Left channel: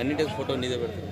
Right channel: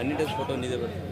అన్నిటికి ఫోటో నీదే పెడతాను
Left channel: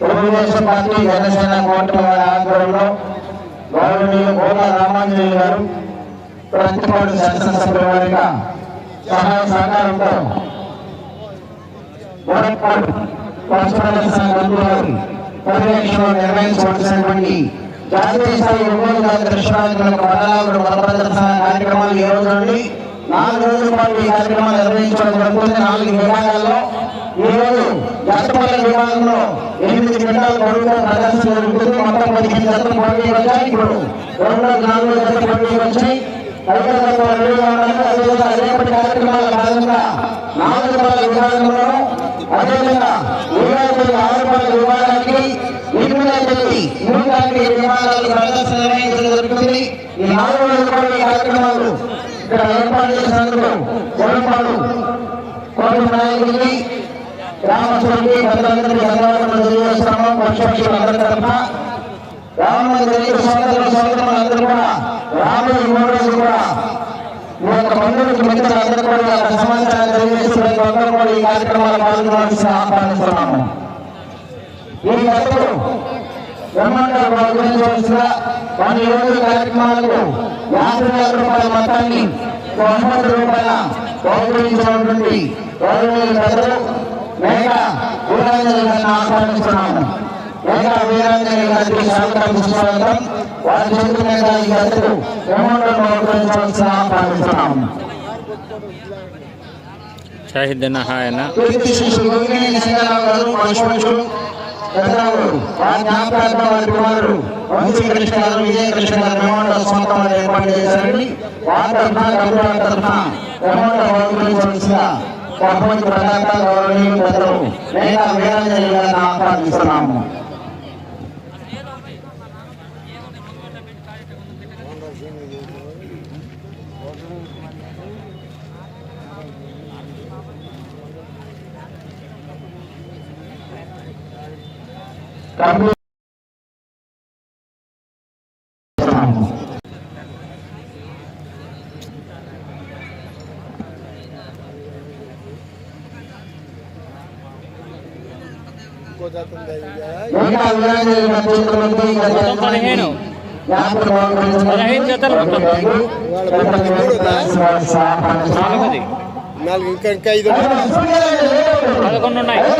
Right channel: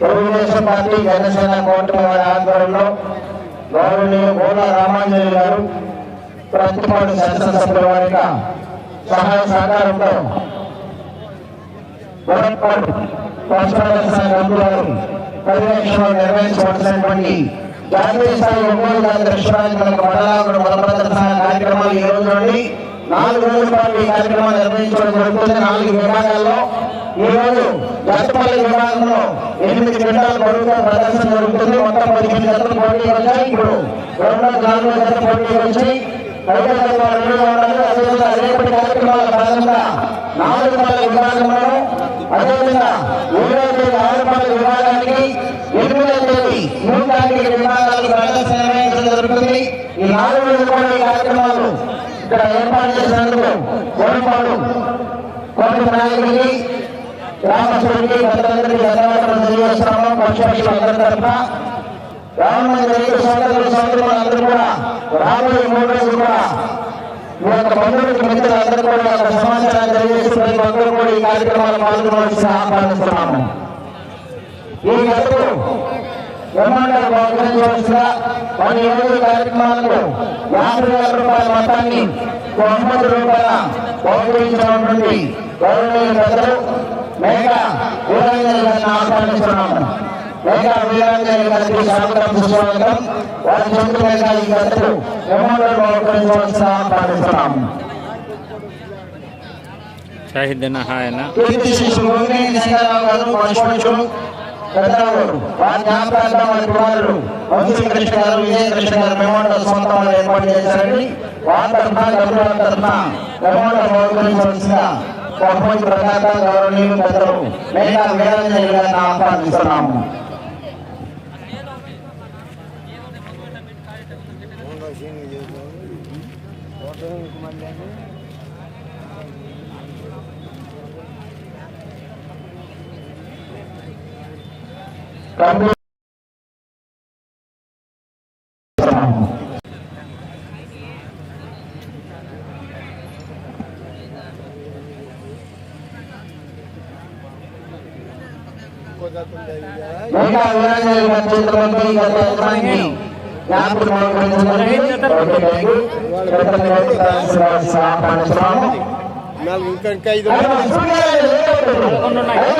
తెలుగుదేశం పార్టీ జనసేన కూటమి వారి ఆధ్వర్యంలో గౌరవనీయ గోలా రామాంజనేయ గారు ప్రతిపాడు శాసనసభ్యుల వారిగా సహాయ సహకారంతో వడపాడు సంఘం గారి పర్యవేక్షణలో నిర్వహించవలసినటువంటి జాతీయ స్థాయి ఒంగోలు జాతి విశ్వవిద్యాలయ పదనాలుగు బల ప్రదర్శన కార్యక్రమాలు ఈ రోజు నుండి నాలుగు రోజుల పాటు ఈ కార్యక్రమాలు నిర్వహించడం జరుగుతుంది. నాలుగు విభాగాల్లో ఈ జాతపల్లి విభాగంలో ఎనిమిది క్వింటాల బరువుతో ప్రదర్శన జరుగుతుంది. మొత్తం పదిహేను జతలు పోటీ వచ్చాయి. ఇప్పుడు రెండో నాలుగో జత పోటీ వచ్చాయి. ఐదో జత రెడీగా ఉన్నారు అదేవిధంగా రేపటి కార్యక్రమాల భాగంగా నాలుగు రూపాయల విభాగంలో అదేవిధంగా ఏడో తేదీ ఆరు రూపాయల విభాగానికి ఎనిమిదో తేదీ నూట యాభై ఏడు విభాగాలకు ప్రదర్శన నిర్వహించడం జరుగుతుంది. ఈ నాలుగు రోజుల ఈ కార్యక్రమాలు ఇక్కడ ఏర్పాటు చేసినందుకు జగన్పాడు కోటి నాయకుడికి గ్రామస్తులకి పెద్దలందరికీ ధన్యవాదాలు తెలియజేస్తున్నాము. పక్షపక్షులు అందరి తరఫున. రామమందిరికి సోదరులు సోదరులందరూ కూడా రాబోయే మూడు రోజులు కూడా మీ యొక్క మిత్రులందరూ కూడా ఈ సమాచారం తెలియజేస్తూ ప్రతి కూడా ఈ పాల్గొనవలసిన ఆహ్వానిస్తున్నాము. ఈ గతులు బ్రహ్మాండ బహుకరించవలసిన కొన్ని రోజు కార్యక్రమాలకు యాభై వేల రూపాయల మొత్తాన్ని బహుమతి రూపాయల బహుకరించినటువంటి గౌరవనీయుల పెద్దలు మేఘ వీరాంజలి గారిని ఆహ్వానిస్తున్నాము. మేఘ వీరాంజలి గారికి స్వాగతం సుస్వాగతం. వారి చేతుల మీద ఈ గతులు బ్రహ్మాండ బహుకరించవలసిన ఆహ్వానిస్తున్నాము. షాహిద్దన్న హాయన కీర్తి శిష్యులు గోగినేని సింగరావు గారు పశుపక్షులు పెద్దరావు గారు వారి కుమారుడు వంశీకృష్ణ గారు విజయకృష్ణ గారు బ్రహ్మాండ స్వాతంలో ఏర్పాటు చేశారని వారి తరఫున కరుణ తరఫున బ్రహ్మాండ బహుకరించవలసిన బహుమతి ప్రదాత గౌరవనీయులు పెద్దలు మేఘా వీరాంజలి గారిని ఆహ్వానిస్తున్నాము. నాలుగు ఇంకా ఇంకా ఐదు శ్రీనివాస్ ఈ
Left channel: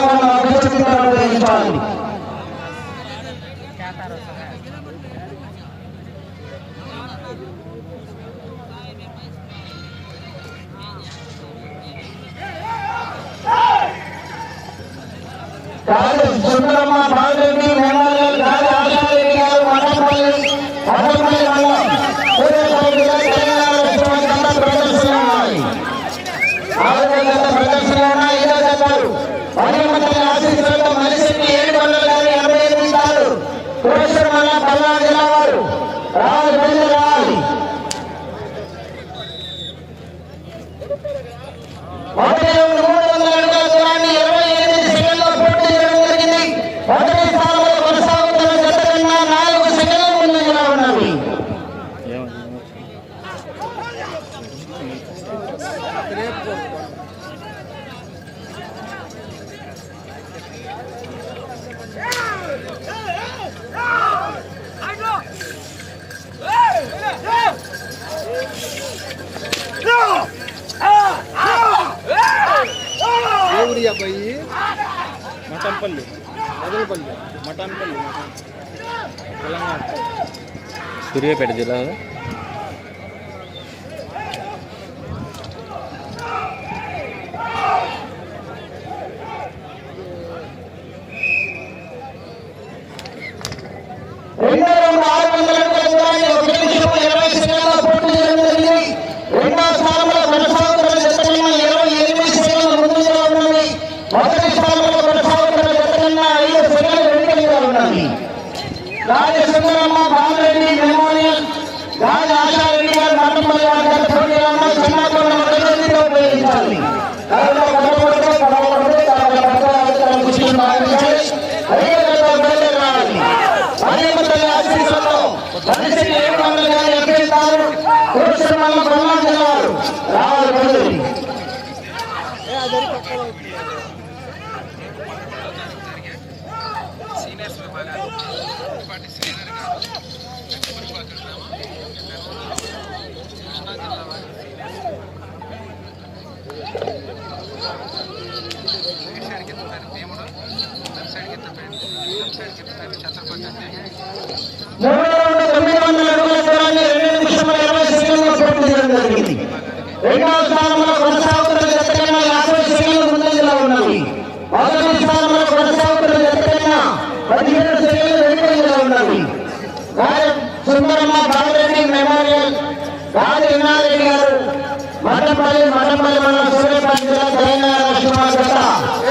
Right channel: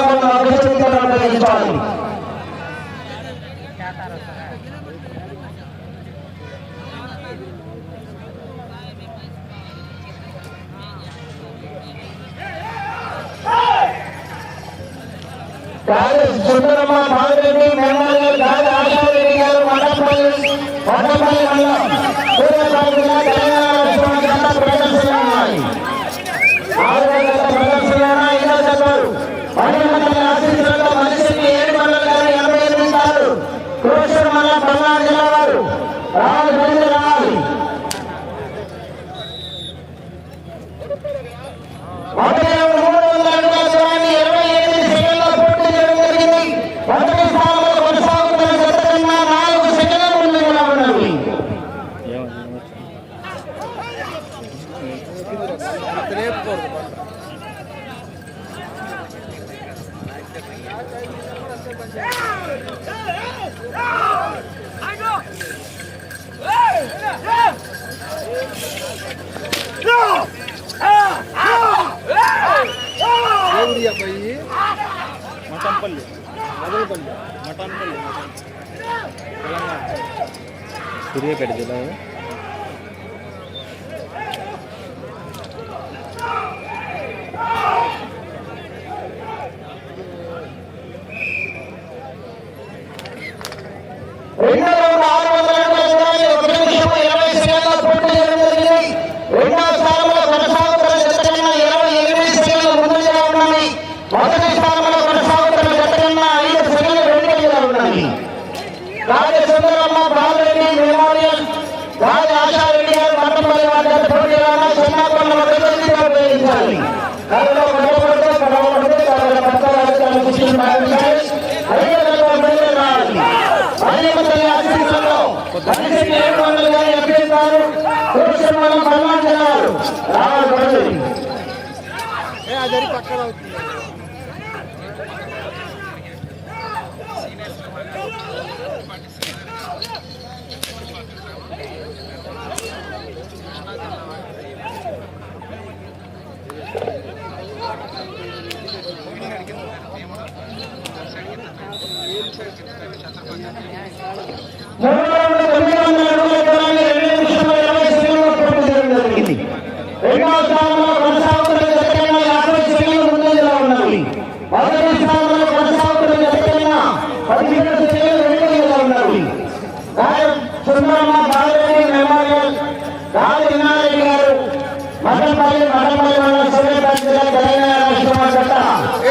சூரியப்பேட்டை ஜில்லா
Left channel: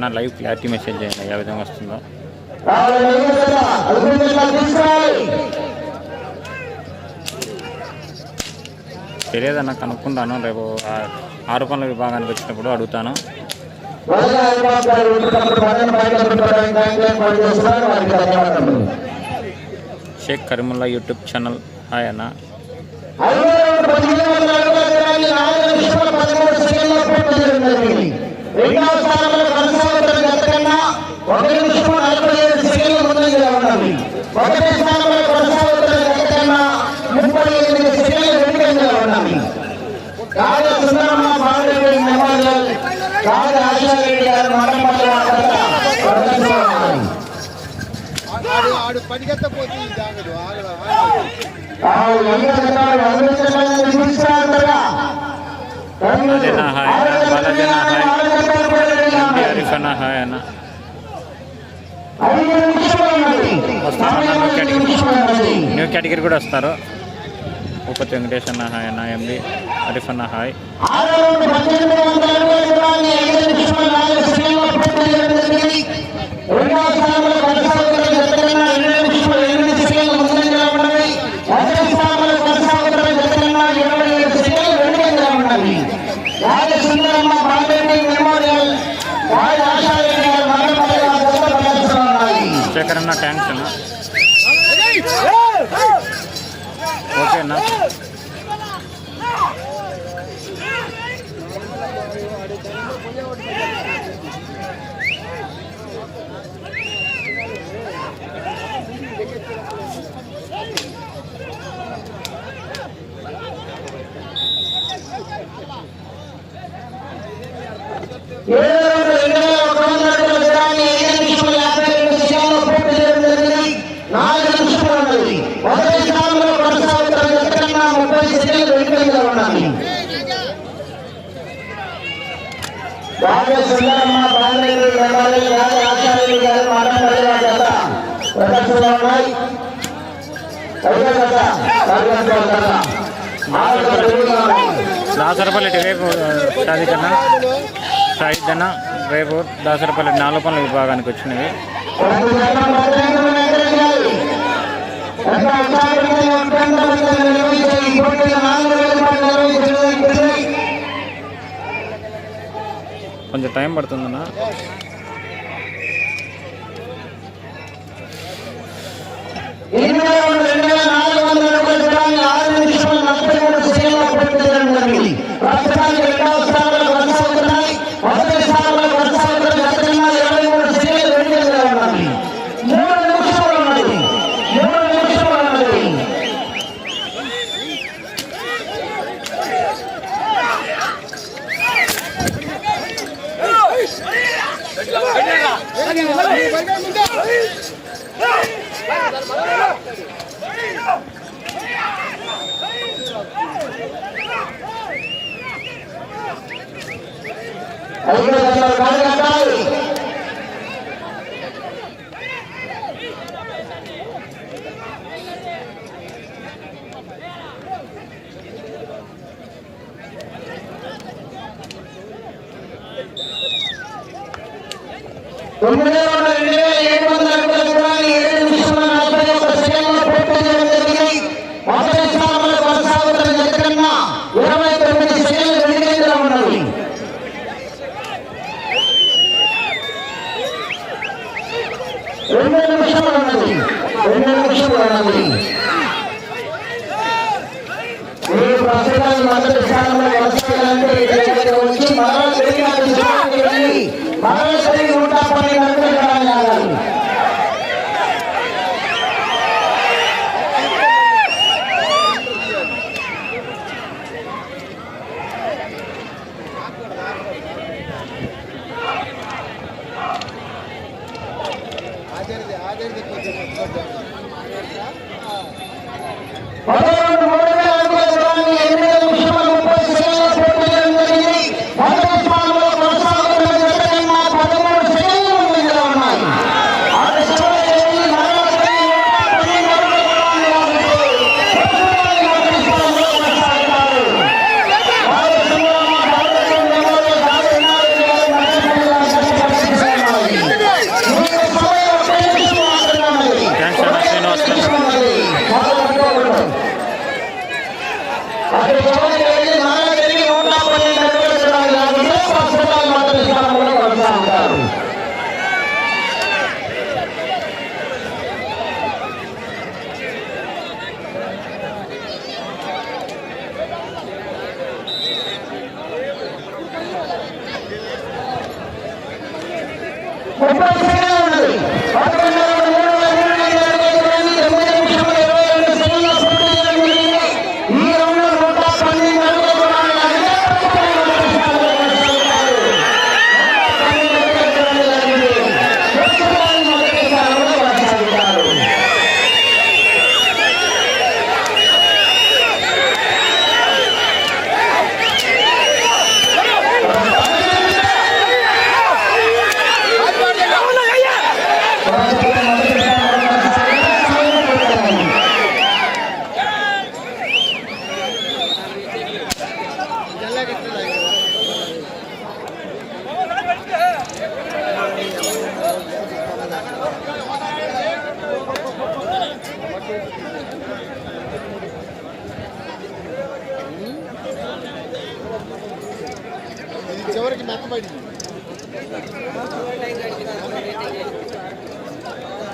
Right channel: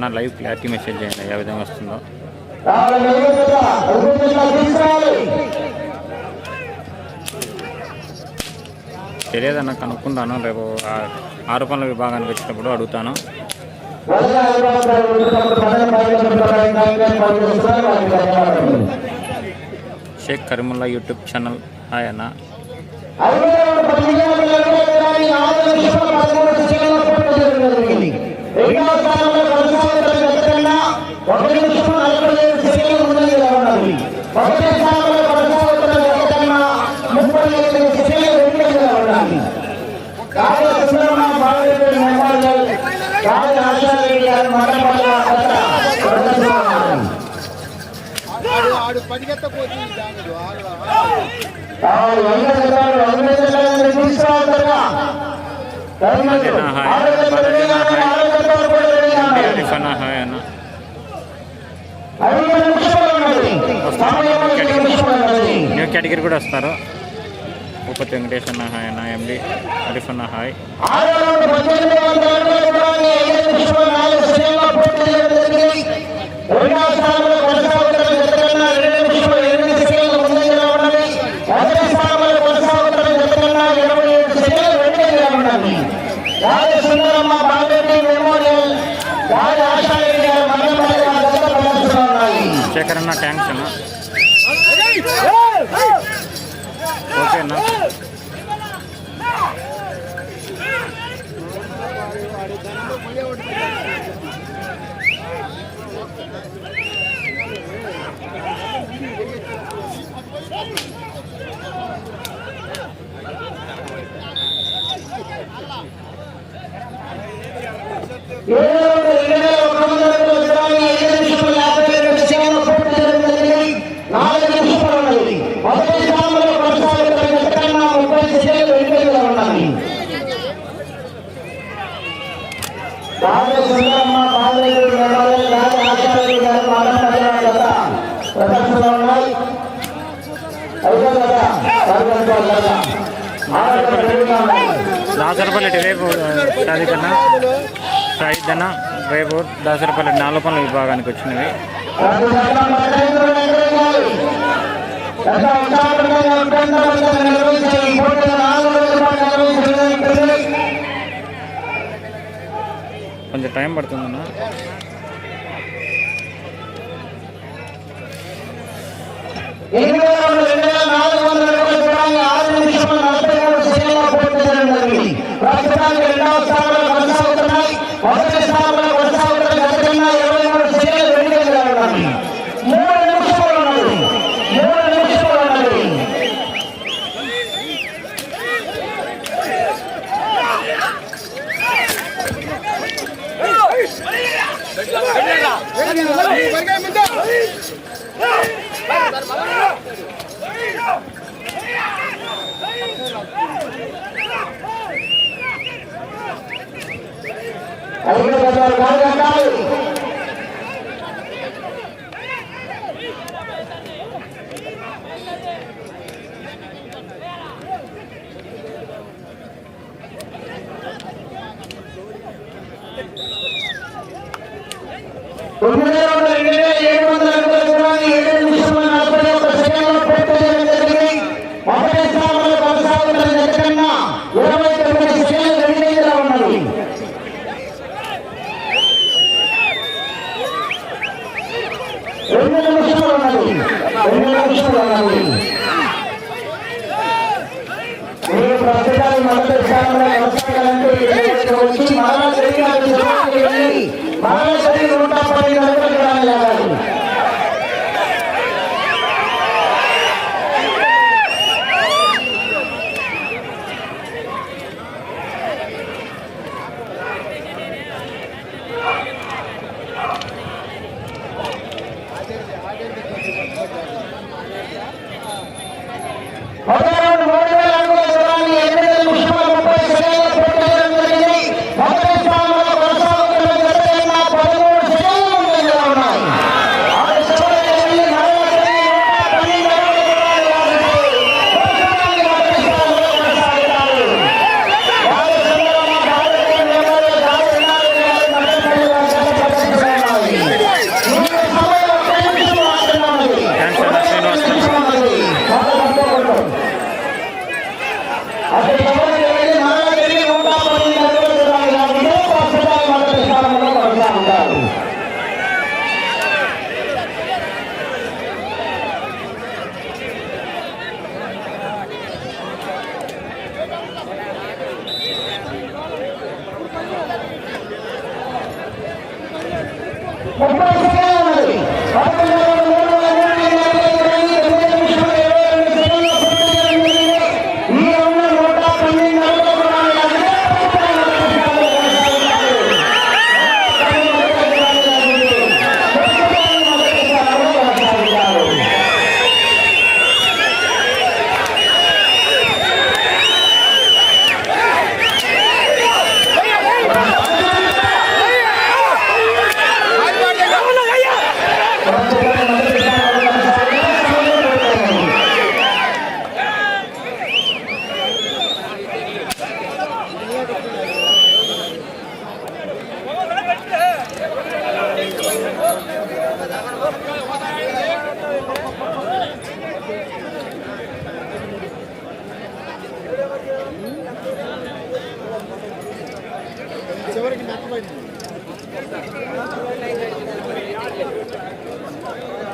నా లైవ్ క్లారిటీ మెసేజ్ చేయండి ఏ విధంగా వస్తుందో. తెలియదన్నా కనుక్కుంటాను. రేపు ఆరోపణల విభాగానికి వచ్చినప్పుడు అడుగుతాను. Shaik Kareemulla YouTube channel. Hi అన్న. న్యూ కేటగిరీ కూడా వస్తారు ఉపతి వెంకటేష్ అన్న హాయ్ అన్న. ఎండి హరీఫ్ అన్న హాయ్ రెండవ ना। टेंशन ओके ना? Yeah. ఖర్చుగా రేపు దాసరపల్లి రేపు సాధికన్నా సాయిధన రేపు దాసరపల్లి నాలుగు పనుల విభాగానికి వచ్చినవి. కొంచెం టైం పడుతుందన్నా. ఎనిమిది వందల రెండు వేల నాలుగు వందల అరవై నిమిషం నలభై మూడు Ahí va a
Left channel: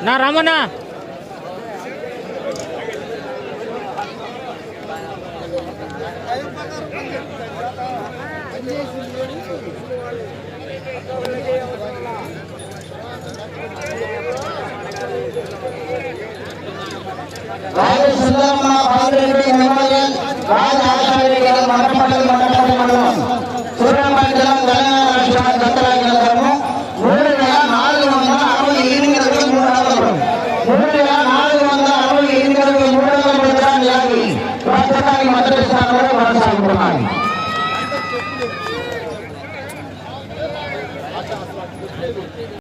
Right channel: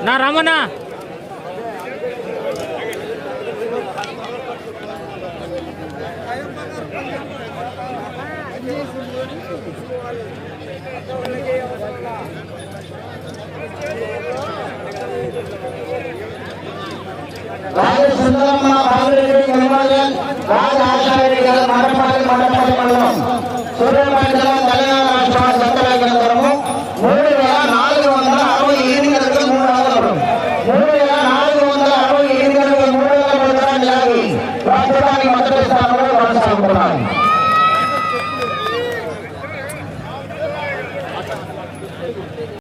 నా రామన్నా. రాజేష్ సుందరమ్మ కాంగ్రెస్ రాజ్ మండలం సుబ్రహ్మణ్యం